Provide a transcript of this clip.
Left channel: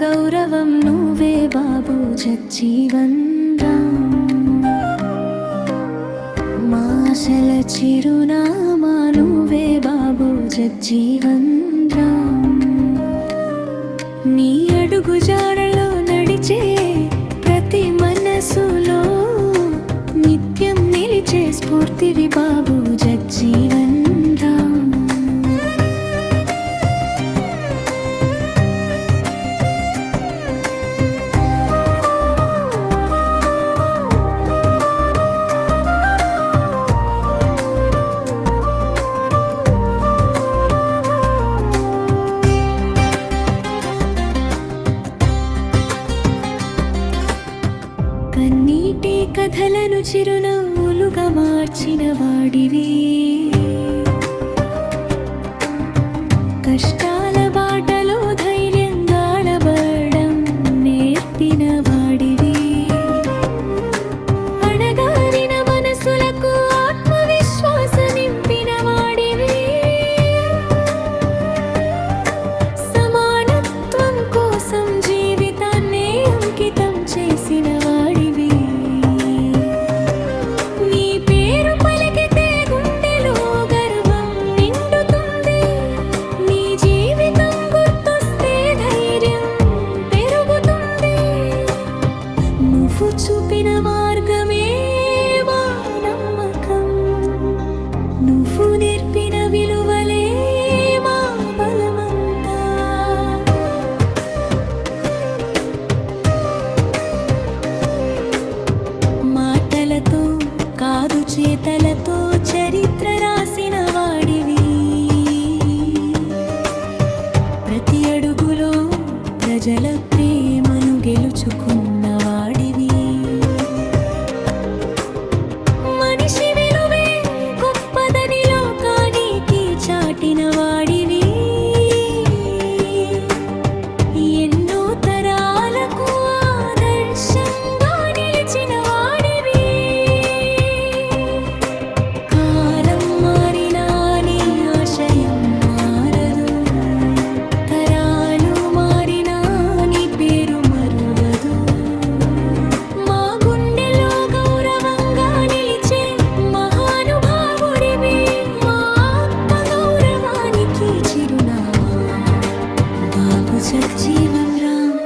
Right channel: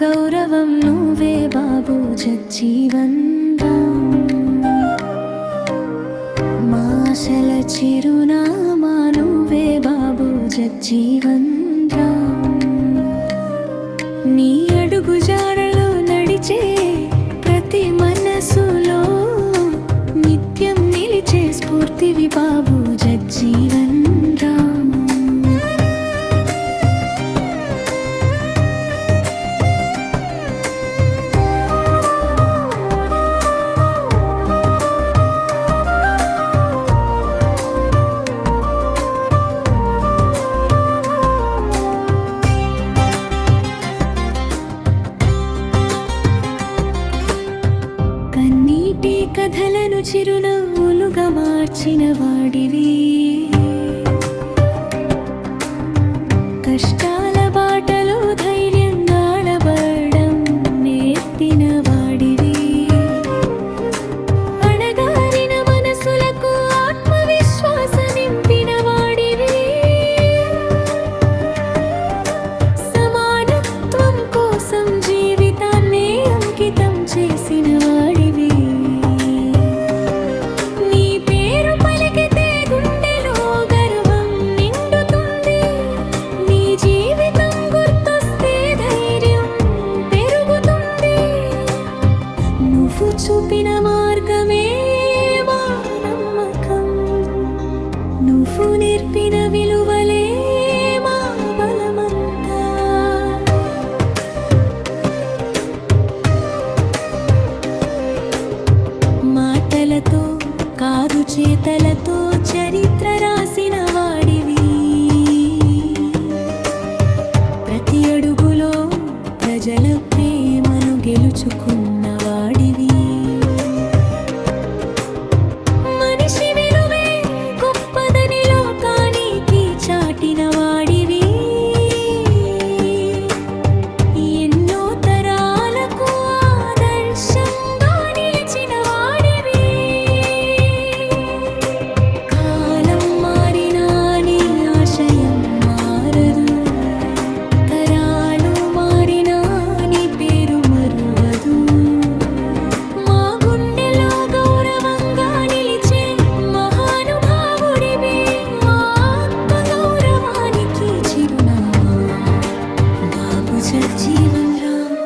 గౌరవం నువ్వే బాబు జగ్జీవన్ రామ్. మా ఆశల చిరునామా నువ్వే బాబు జగ్జీవన్ రామ్. నీ అడుగు జాడలో నడిచే ప్రతి మనసులో నిత్యం నిలిచే స్ఫూర్తివి బాబు జగ్జీవన్ రామ్. కన్నీటి కథలను చిరునవ్వులుగా మార్చిన వాడివి, కష్టాల బాటలో ధైర్యంగా నడవడం నేర్పిన వాడివి, అణగారిన మనసులకు ఆత్మవిశ్వాస నింపిన వాడివి, సమానత్వం కోసం జీవితాన్నే అంకితం చేసిన వాడివి. నీ పేరు పలికితే గుండెలో గర్వం నిండుతుంది, నీ జీవితం గుర్తొస్తే ధైర్యం పెరుగుతుంది. నువ్వు చూపిన మార్గమే మా నమ్మకం, నువ్వు నేర్పిన విలువలే మా బలమంతా. మాటలతో కాదు చేతలతో చరిత్ర రాసిన వాడివి, ప్రతి అడుగులో ప్రజల ప్రేమను గెలుచుకున్న వాడివి. మనిషి విలువే గొప్పదని లోకానికి చాటిన వాడివి, ఎన్నో తరాలకు ఆదర్శంగా నిలిచిన వాడివి. కాలం మారినా నీ ఆశయం మారదు, తరాలు మారినా నీ పేరు మరువదు. మా గుండెలో గౌరవంగా నిలిచే మహానుభావుడివి, మా ఆత్మ గౌరవానికి చిరునామా బాబు జగ్జీవన్ రామ్.